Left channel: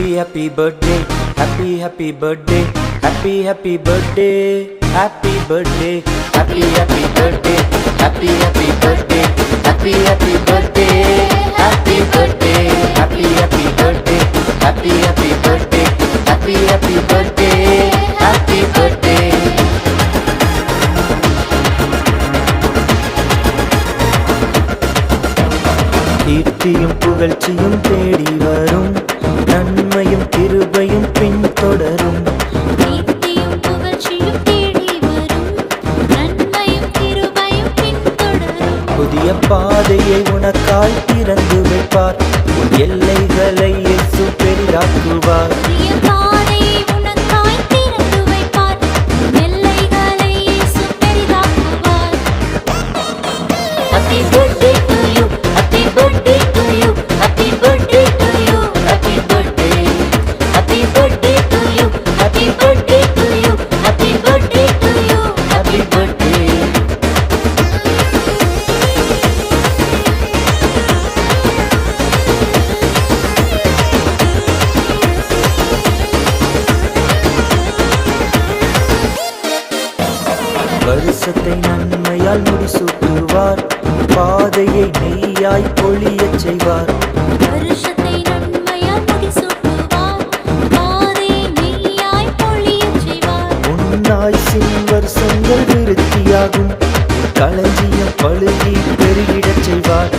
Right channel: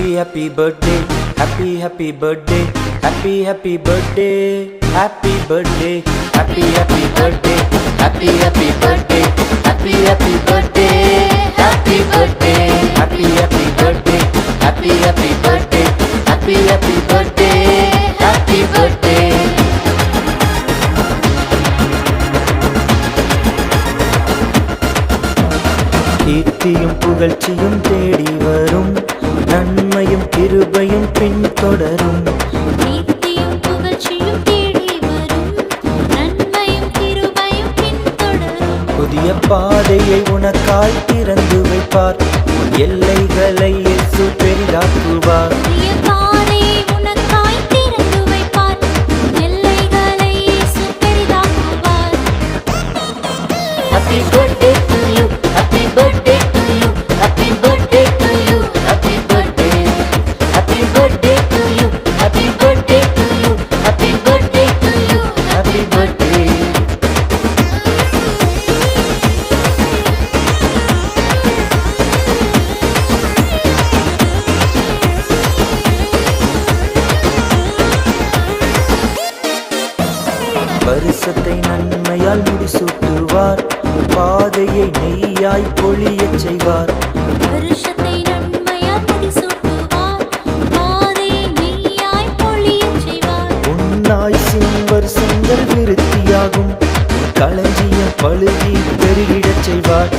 Happy happy birthday, happy birthday, happy birthday, happy birthday, happy birthday, happy birthday, happy birthday, happy birthday, happy birthday, happy birthday, happy birthday, happy birthday. கீர்த்தியும் புகழ்ச்சியும் தேடி வரும், நன்மையும் கிருபையும் பின்தொடரும். கீர்த்தியும் புகழ்ச்சியும் தேடி வரும், நன்மையும் கிருபையும் பின்தொடரும். புதிய பாதையை உனக்காய் திறந்து வைப்பார், உன் எல்லைகளை இயேசு பெரிதாக்குவார். புதிய பாதையை உனக்காய் திறந்து வைப்பார், உன் எல்லைகளை இயேசு பெரிதாக்குவார். Happy birthday to you, happy birthday to you, happy birthday to you, happy birthday, happy birthday to you, happy birthday to you, happy birthday to you, happy birthday. வருஷத்தை நன்மையால் முடிசூட்டுவார், பாதையை நெய்யாய் பொழியச் செய்வார். வருஷத்தை நன்மையால் முடிசூட்டுவார், பாதையை நெய்யாய் பொழியச் செய்வார். உன்னாய்சின் வருஷங்கள் விருத்தியாகும், உன் களஞ்சியம் பழுகி பெருகிடச் செய்வார்.